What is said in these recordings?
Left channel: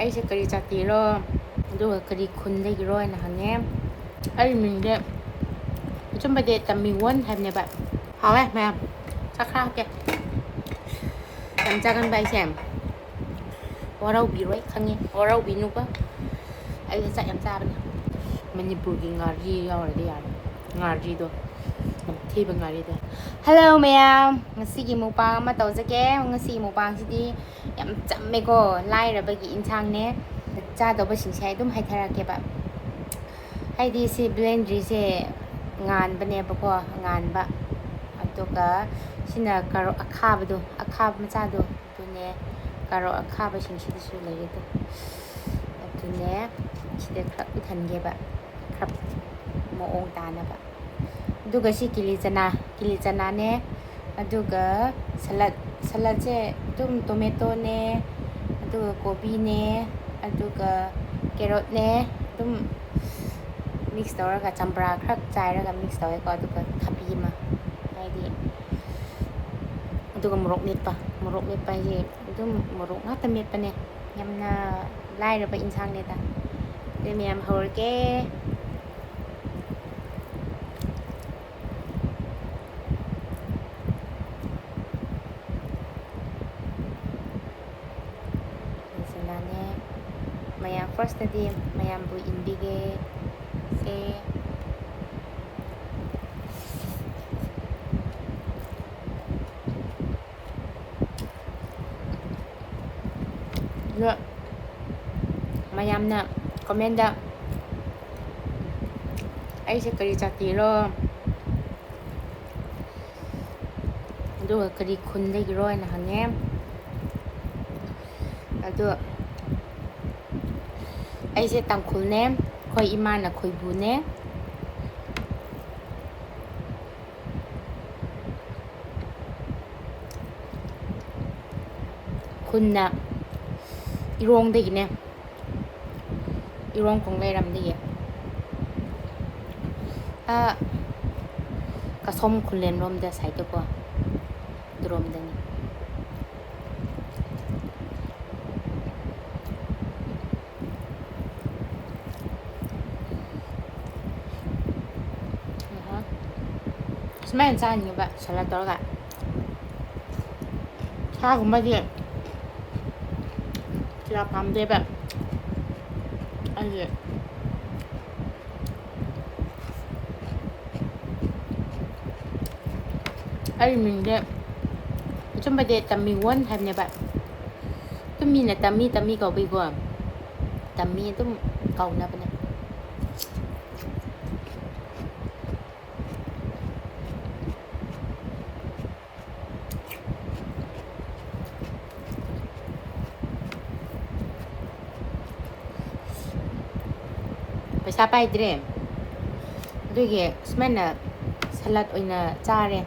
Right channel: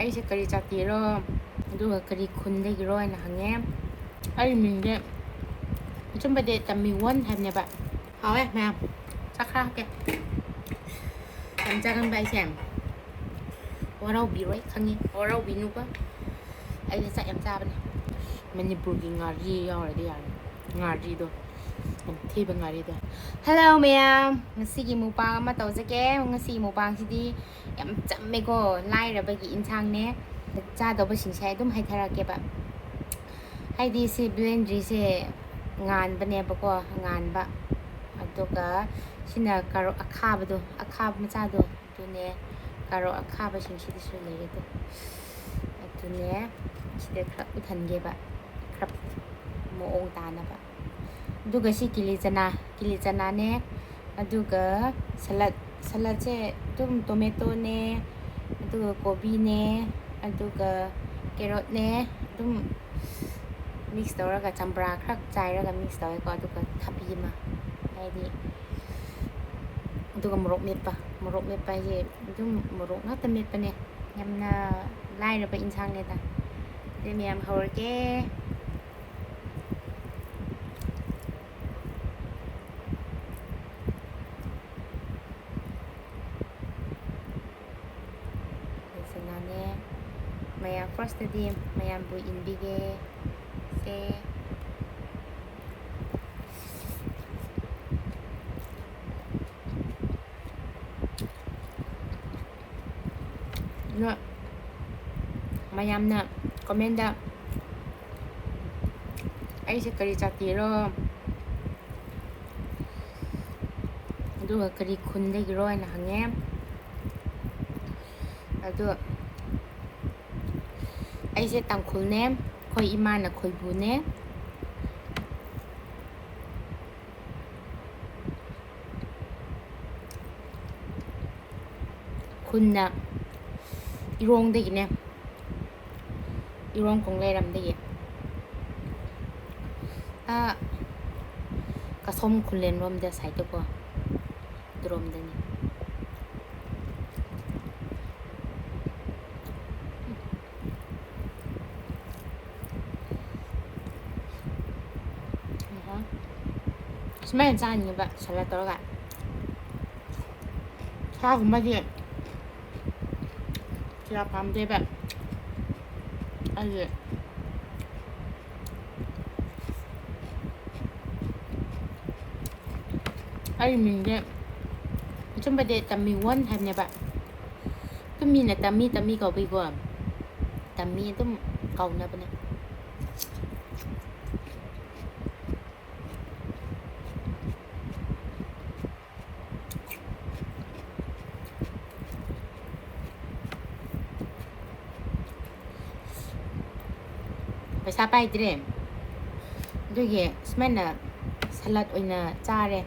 ꯑꯩꯁꯦ ꯀꯔꯤ ꯖꯥꯇꯤꯔꯣ ꯑꯗꯨꯒ ꯀꯔꯤ ꯈꯨꯟꯗꯒꯤꯔꯣ ꯍꯥꯏꯅ ꯍꯪꯉꯦ. ꯑꯩ ꯃꯤꯡꯁꯦ ꯑꯆꯨꯝꯕꯗꯤ ꯇꯝꯃꯤꯋꯣꯟ ꯍꯥꯏꯕꯅꯦꯕ. ꯍꯥꯎꯋꯦ ꯃꯌꯥꯝ ꯆꯥꯛ ꯈꯔ ꯍꯥꯞꯀꯦ. ꯌꯥꯝ ꯆꯥꯒꯟꯕ ꯑꯩꯁꯦ ꯋꯥꯔꯧꯕꯤꯔꯣꯏ ꯈꯪꯉꯦ, ꯋꯥꯔꯧꯕꯤꯅꯨꯀꯣ. ꯑꯩꯁꯦ ꯆꯥꯛ ꯌꯥꯝ ꯆꯥꯕꯅꯦ. ꯃꯅꯤꯄꯨꯔꯒꯤ ꯉꯥꯔꯤ ꯌꯥꯎꯔꯗꯤ ꯌꯥꯔꯦ. ꯉꯥꯔꯤꯗꯣ ꯅꯝꯊꯤꯕ ꯉꯥꯔꯤꯗꯣ. ꯍꯜꯂꯣ ꯃꯌꯥꯝ, ꯉꯁꯤꯒꯤ ꯃꯨꯛꯕꯥꯡ ꯑꯃ ꯇꯧꯖꯒꯦ. ꯉꯁꯤꯒꯤ ꯃꯨꯛꯕꯥꯡꯁꯤꯗꯤ ꯌꯥꯝ ꯆꯝꯃꯦꯀꯣ, ꯂꯥꯏꯔꯕꯒꯤ ꯏꯟꯁꯥꯡꯅꯦ. ꯆꯥꯗꯧꯕꯁꯤꯡꯁꯦ ꯑꯗꯨꯝ ꯍꯥꯏꯊꯔꯛꯀꯦꯕ. ꯍꯥꯏꯗꯤ ꯁꯤ ꯕ꯭ꯂꯦꯟꯗ꯭ꯔꯤꯁꯦ ꯉꯥꯟꯕꯅꯦꯕꯀꯣ, ꯉꯥꯟꯕ. ꯑꯗꯨꯒ ꯁꯤꯅ ꯀꯥꯔꯣꯠ ꯑꯈꯥꯕꯗꯣ, ꯑꯈꯥꯕ ꯃꯆꯥꯗꯣ ꯑꯗꯨꯅꯦ. ꯀꯥꯔꯣꯠ ꯑꯈꯥꯕꯁꯤꯡꯁꯤꯗꯁꯨ ꯂꯩꯌꯦꯗꯣ. ꯑꯗꯨꯅꯦ ꯁꯤꯗ ꯈꯔ ꯎꯠꯍꯟꯒꯦꯕ, ꯈꯔ ꯃꯑꯣꯡ ꯇꯥꯅꯕ. ꯑꯗꯨꯒ ꯁꯤ ꯀꯤꯂꯤ ꯆꯅꯥꯅꯦ. ꯑꯗꯨꯒ ꯁꯂꯠꯁꯦ ꯑꯗꯨꯝ ꯇꯣꯃꯦꯇꯣꯅꯦ, ꯑꯗꯨꯒ ꯀꯣꯕꯤꯅꯦ, ꯑꯗꯨꯒ ꯀꯦꯔꯣꯠꯅꯦ ꯑꯗꯨꯝ ꯃꯤꯛꯁ ꯇꯧꯔꯒ ꯆꯝꯄ꯭ꯔꯥ ꯈꯔ ꯆꯥꯏꯔꯒ ꯃꯤꯛꯁ ꯇꯧꯋꯦꯀꯣ. ꯑꯗꯨꯒ ꯊꯕꯤ ꯑꯃ, ꯍꯥꯏꯗꯤ ꯑꯗꯨꯒ ꯃꯣꯔꯣꯛ ꯃꯦꯠꯄ ꯍꯥꯏꯁꯦ ꯑꯗꯨꯝ ꯃꯣꯔꯣꯛ ꯉꯥꯛꯇ ꯃꯦꯠꯄꯅꯦ. ꯌꯥꯝꯅ ꯂꯥꯏꯔꯕ ꯏꯟꯁꯥꯡꯅꯦꯗ. ꯑꯗꯨ ꯃꯌꯥꯝ ꯍꯧꯔꯒꯦ. ꯆꯅꯥꯅꯦ. ꯃꯌꯥꯝ ꯐꯥꯔꯁꯇꯗꯤ ꯃꯌꯥꯝꯕꯨ ꯏꯟꯕꯤꯒꯦ. ꯁꯦ ꯃꯌꯥꯝꯅ ꯀꯣꯃꯦꯟꯗ ꯑꯩꯁꯦ ꯀꯔꯤ ꯖꯥꯇꯤꯔꯣ ꯑꯗꯨꯒ ꯀꯔꯤ ꯈꯨꯟꯗꯒꯤꯔꯣ ꯍꯥꯏꯅ ꯍꯪꯉꯦ. ꯑꯗꯣ ꯑꯩꯁꯦ ꯇꯥꯡꯈꯨꯜꯅꯦ. ꯑꯩꯈꯣꯏ ꯏꯃꯥꯅ ꯈꯣꯏꯕꯨꯅꯦ. ꯈꯨꯟꯅ ꯏꯔꯣꯡꯗꯒꯤꯅꯦ, ꯏꯔꯣꯡ ꯀꯣꯡꯂꯩꯔꯝꯗꯒꯤ. ꯀꯁꯣꯝ ꯈꯨꯂꯦꯟꯔꯣꯝꯗ ꯁꯥꯏꯠꯇꯀꯣ, ꯑꯗꯨꯔꯣꯝꯗꯅꯤ. ꯁꯨꯃꯥꯏꯅ ꯆꯥꯅꯤꯡꯉꯦꯕ ꯁꯂꯥꯠ ꯇꯧꯔꯒ. ꯁꯥꯒꯨꯝꯕꯗꯤ ꯀꯌꯥ ꯄꯥꯝꯗꯦꯕ ꯑꯩꯒꯤ. ꯑꯩ ꯃꯤꯡꯁꯦ ꯑꯆꯨꯝꯕꯗꯤ ꯇꯝꯃꯤꯋꯣꯟ ꯍꯥꯏꯕꯅꯦꯕ. ꯑꯗꯨꯝ ꯃꯤꯅ ꯇꯝꯃꯤ ꯀꯧꯕꯩꯀꯣ, ꯇꯝꯃꯤ ꯑꯗꯨꯝ ꯀꯧꯅꯕꯅꯦ. ꯄꯩꯁꯥ ꯄꯥꯏꯗ꯭ꯔꯦ, ꯑꯗꯨꯒꯤ ꯁꯨꯃꯥꯏꯅ ꯁꯂꯠ ꯑꯣꯏꯅ ꯆꯥꯔꯦ.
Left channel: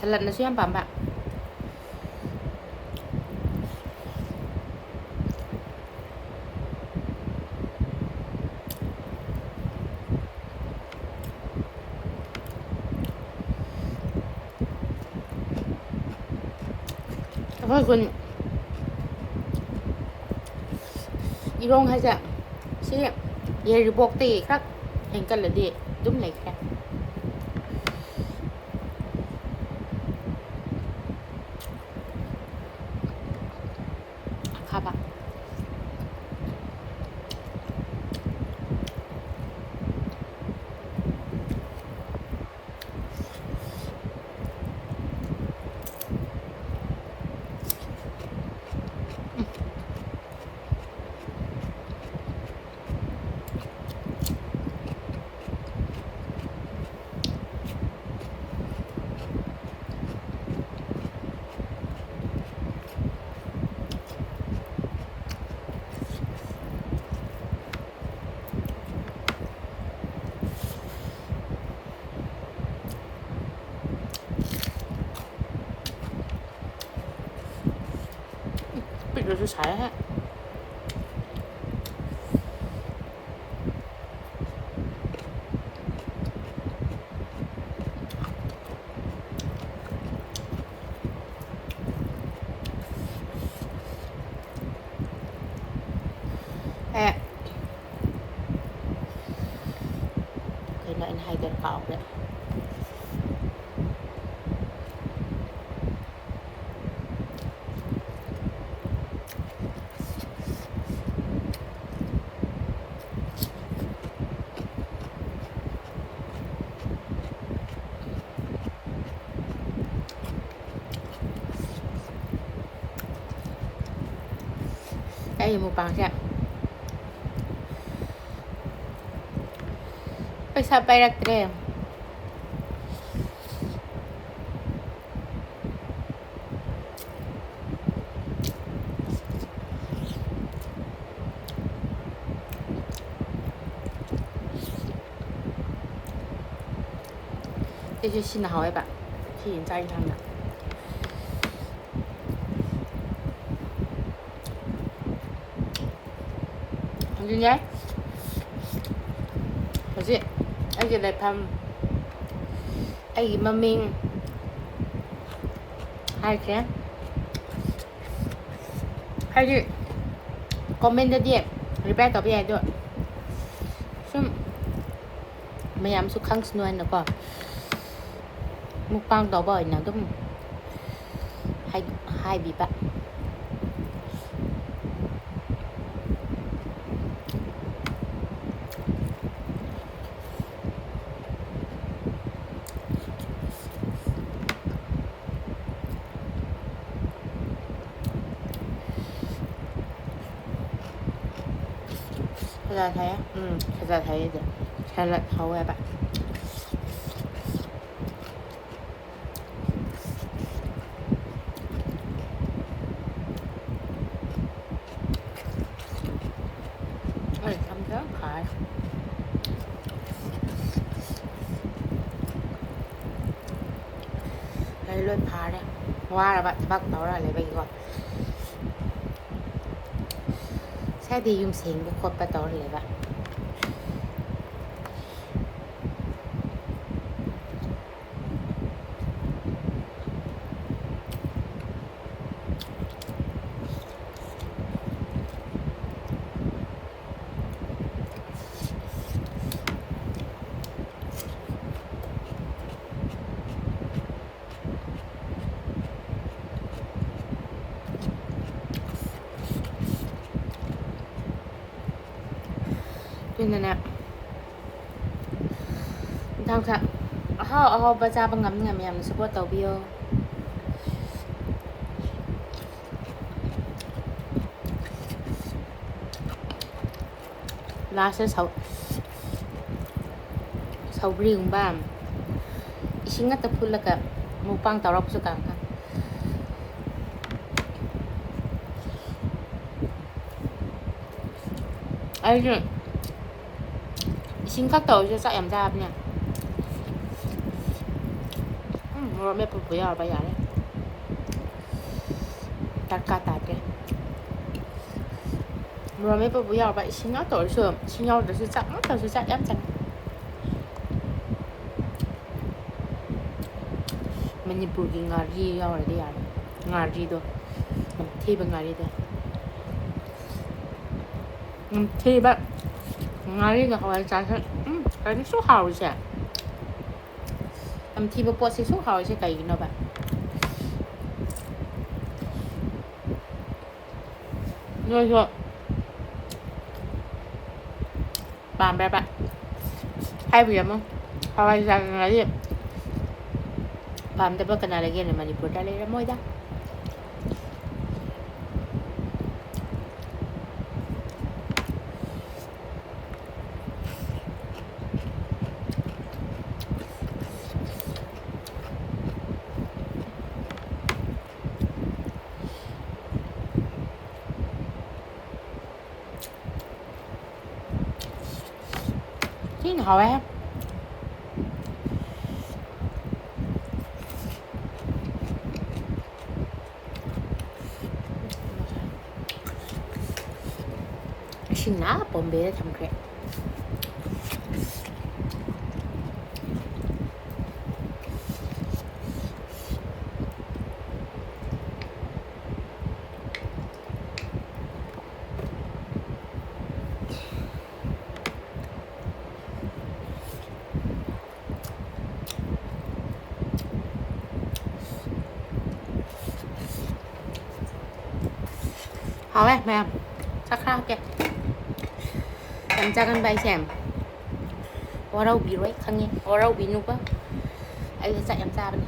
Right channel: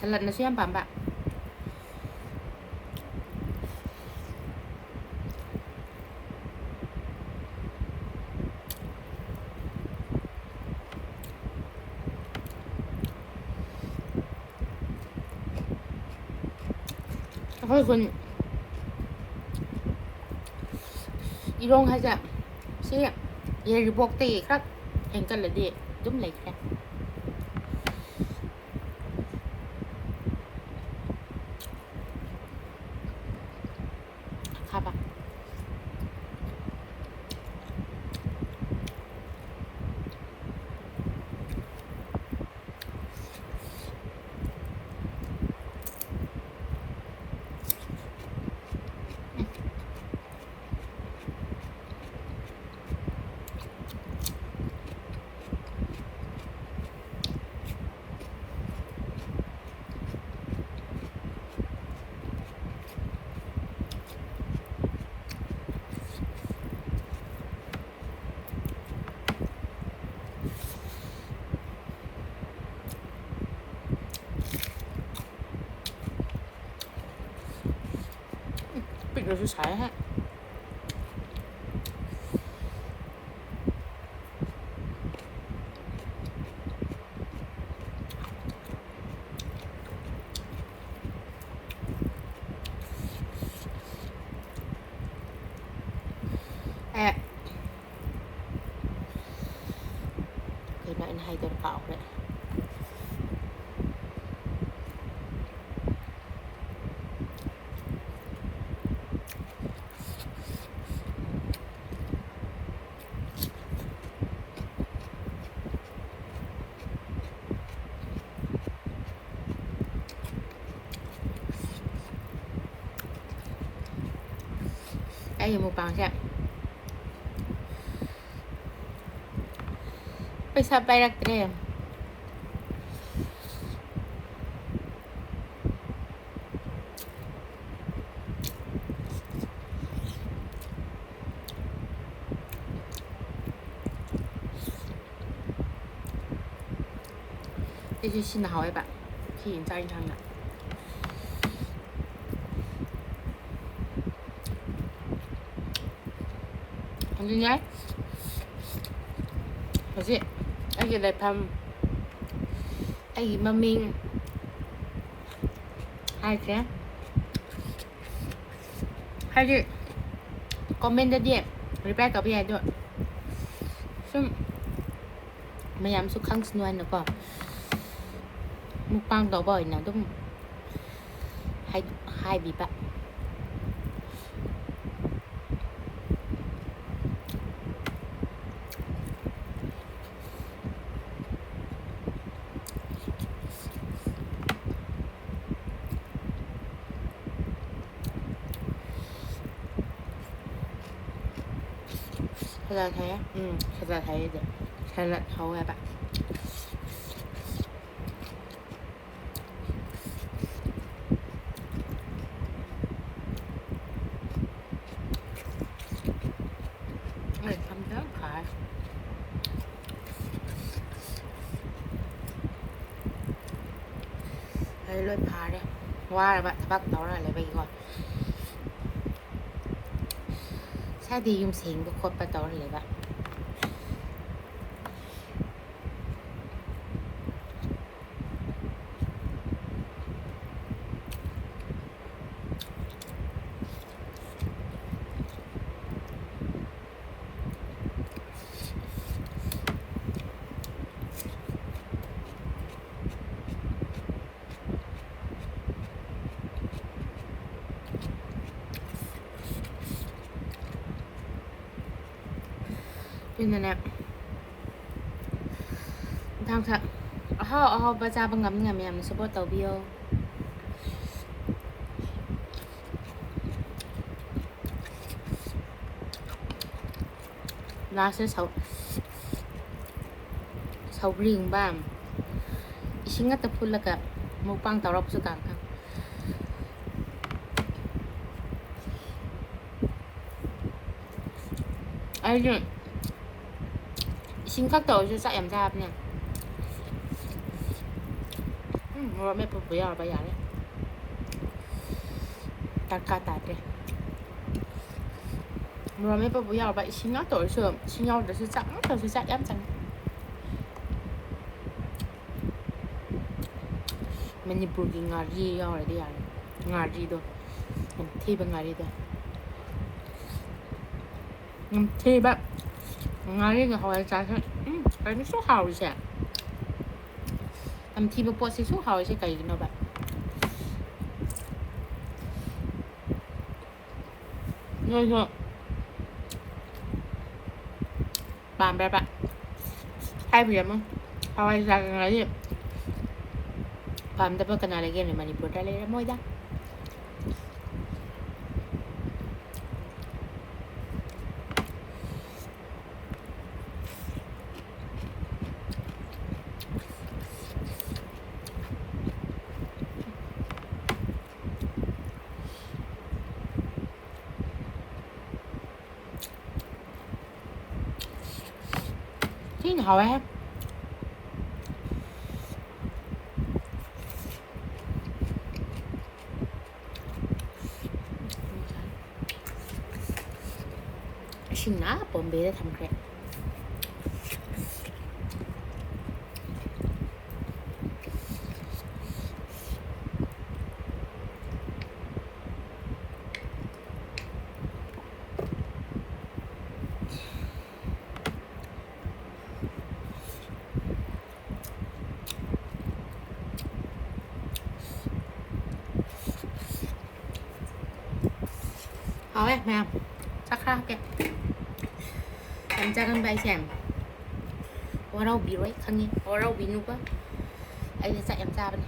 ꯁꯂꯠꯅꯁꯨ ꯌꯥꯝ ꯄꯥꯝꯕ. ꯑꯩꯈꯣꯏ ꯈꯨꯟ ꯏꯔꯣꯡ ꯍꯥꯏꯁꯦ ꯁꯤ ꯌꯥꯏꯔꯤꯄꯣꯛꯇꯒꯤ ꯈꯔ ꯍꯦꯟꯀꯠꯂꯗꯤ ꯑꯗꯨꯝ ꯂꯩꯈ꯭ꯔꯦ. ꯑꯈꯥꯕ. 삐ꯛꯂꯁꯨ ꯁꯥꯏꯍꯦ. 에 그나 anh hay tên cọc đấy cái gì mukbang xem pizza bayrak dire这是新的好一版替你加一上的anh nhé 뭐지? 애기 랩함 애기 맘밍 할게 할게 comment đi reply กับพี่แอนด้วยซึ่งพยายามสุดครั้งสนวนแล้วก็มุกปังต่อบ่อยนะต้องให้บีบะภาษาไทยอ่ะภาษาไทยเดี๋ยวใช้ละเขาแบบ ทำแล้วขายให้เลื่อนพาเนี่ยว่าแล้วbắt tao là lại bây giờ sẽ đi dùng tiền của con bắt tao lại vậy nên là thằng thằng họ bây giờ bằng ngắm nhà mình support tàu bio là sẽ sầu riêng ba isingat tập phun là cả mukbang tàu rọc sự cảm ấy 심각도 이제 싹 얌잡냐 뭐라 몇번 뭐야 봐야 해 닦아다래 뭐라 몇번 뭐야 봐 심각도 어디서 심각도是싹都是싹 얌장 mani ngari rồi đi à ngari đó làm thi bằng ngari đó làm thi bạn ngari là hỏi trái cái số hào sẽ làm thi bộ sẽ số hào sẽ cái nó bạn rồi bạn bè bạn hai việc không hỏi ra cái gì bạn đã bắt cái này là mà đi bộ ra đây là môi đó thế nào em xin ná bồn bê thầm kìa hảo ấy mẹ chắc khá kìa em 작은 바이셈 와라우 비로이 강해 와라우 비누가 알려 짜 em cha bên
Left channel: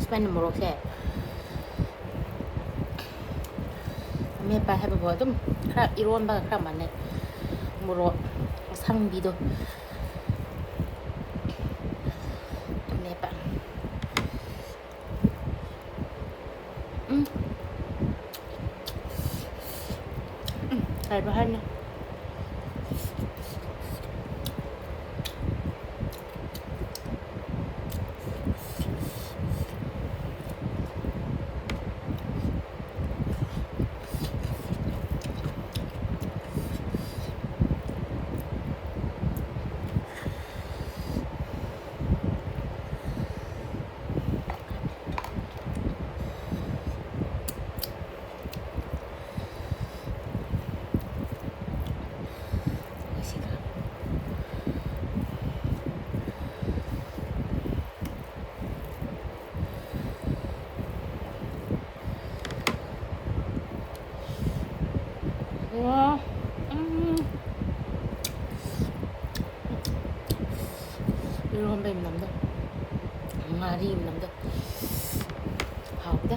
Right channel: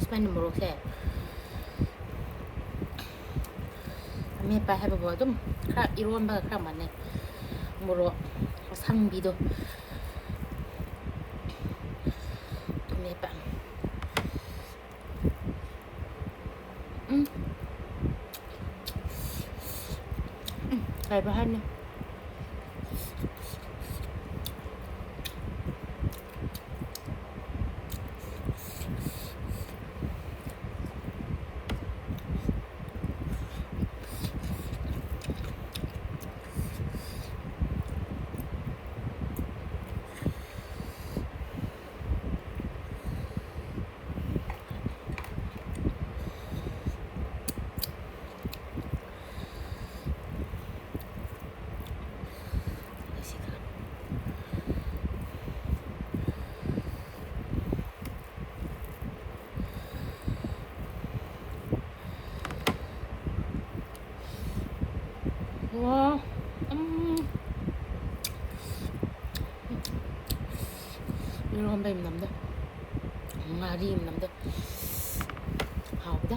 Spend một xe mẹ bà hay bảo 좀 크랍 이런 바가 크랍 많네 뭐로 상비도 mẹ bà 잘 봐 하냐 와, 이런 건배 im nằm đây, ngà đi im nằm đây, hào đó.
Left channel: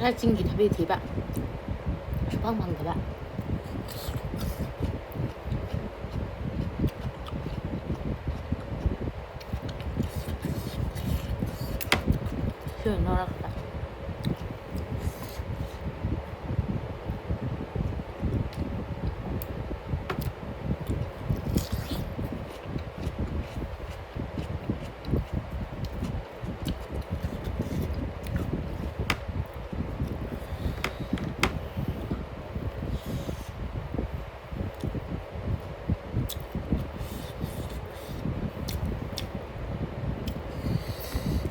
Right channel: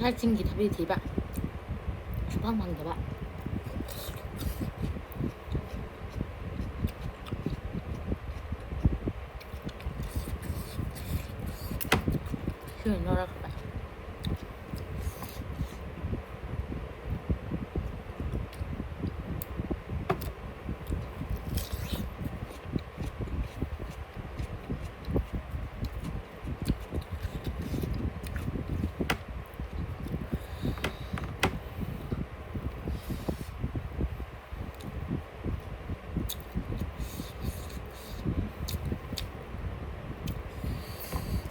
Ra chinh thì thभी thì bạn, chúc bằng các bạn. Chuyện nó ra các bạn.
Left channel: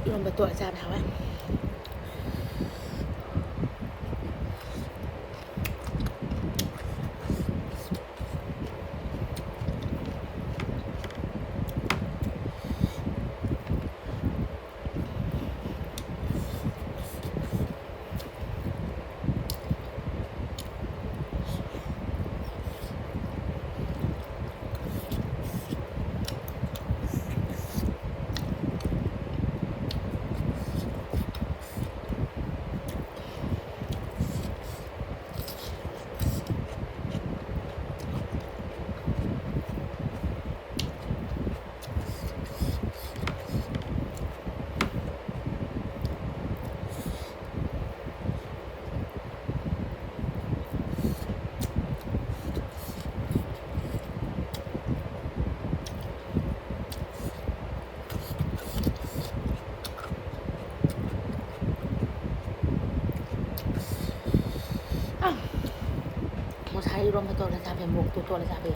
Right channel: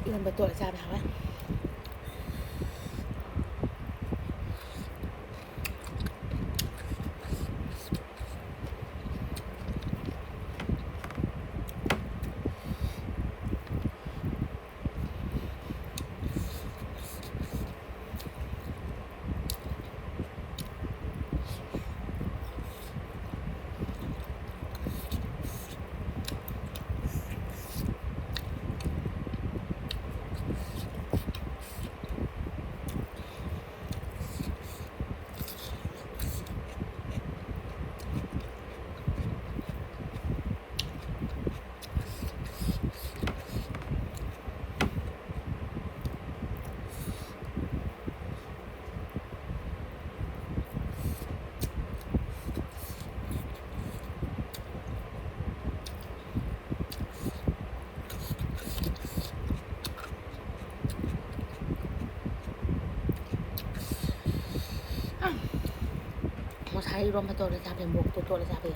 Luôn bật tuổi ra nào ấy. Một hai rôm tôi là ra về một tôi là ra về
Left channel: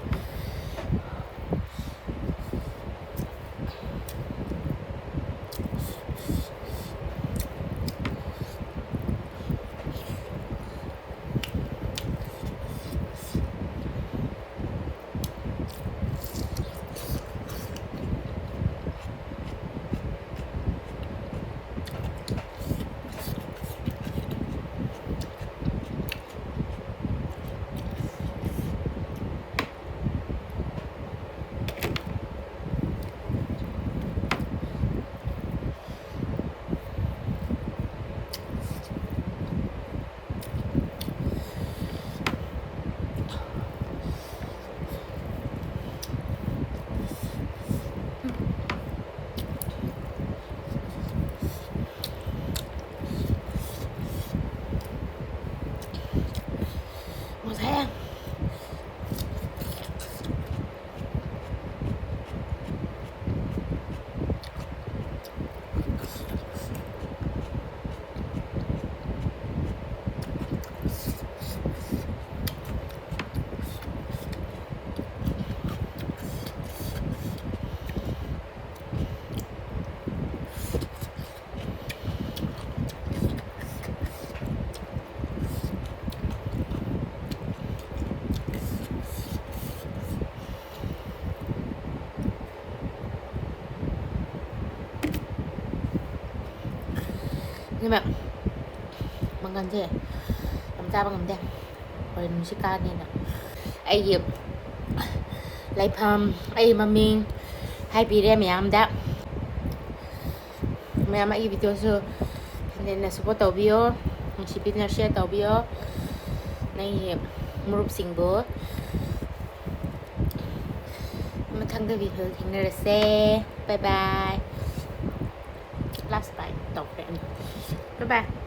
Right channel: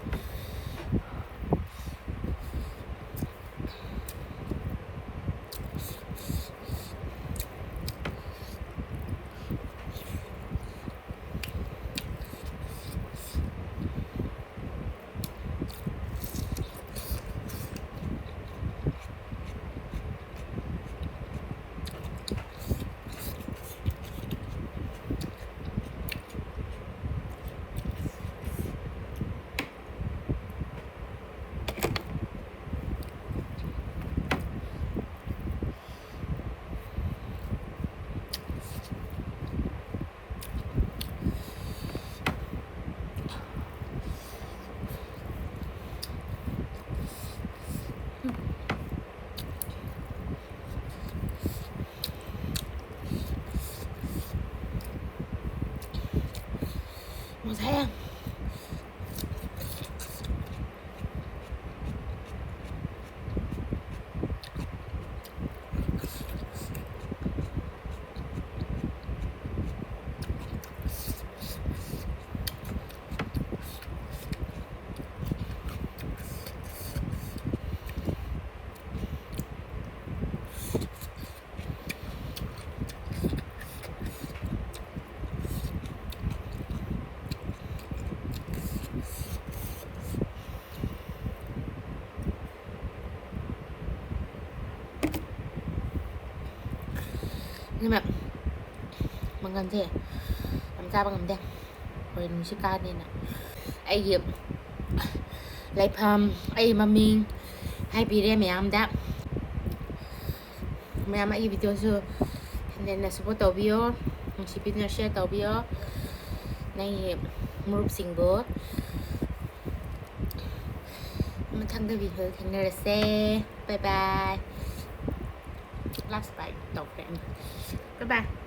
Nhưng mà bằng gần thế làm ra bằng ngầm đây hồi mình sẽ ca nên là ai dịp lại phàm ai mà mình hai bị đem mẹ em đã mẹ em ai video so nên là support tàu bio mình chỉ biết là share tàu bio này một sinh bố mà thằng cái video thì người xe bye bye last bite tàu bye bye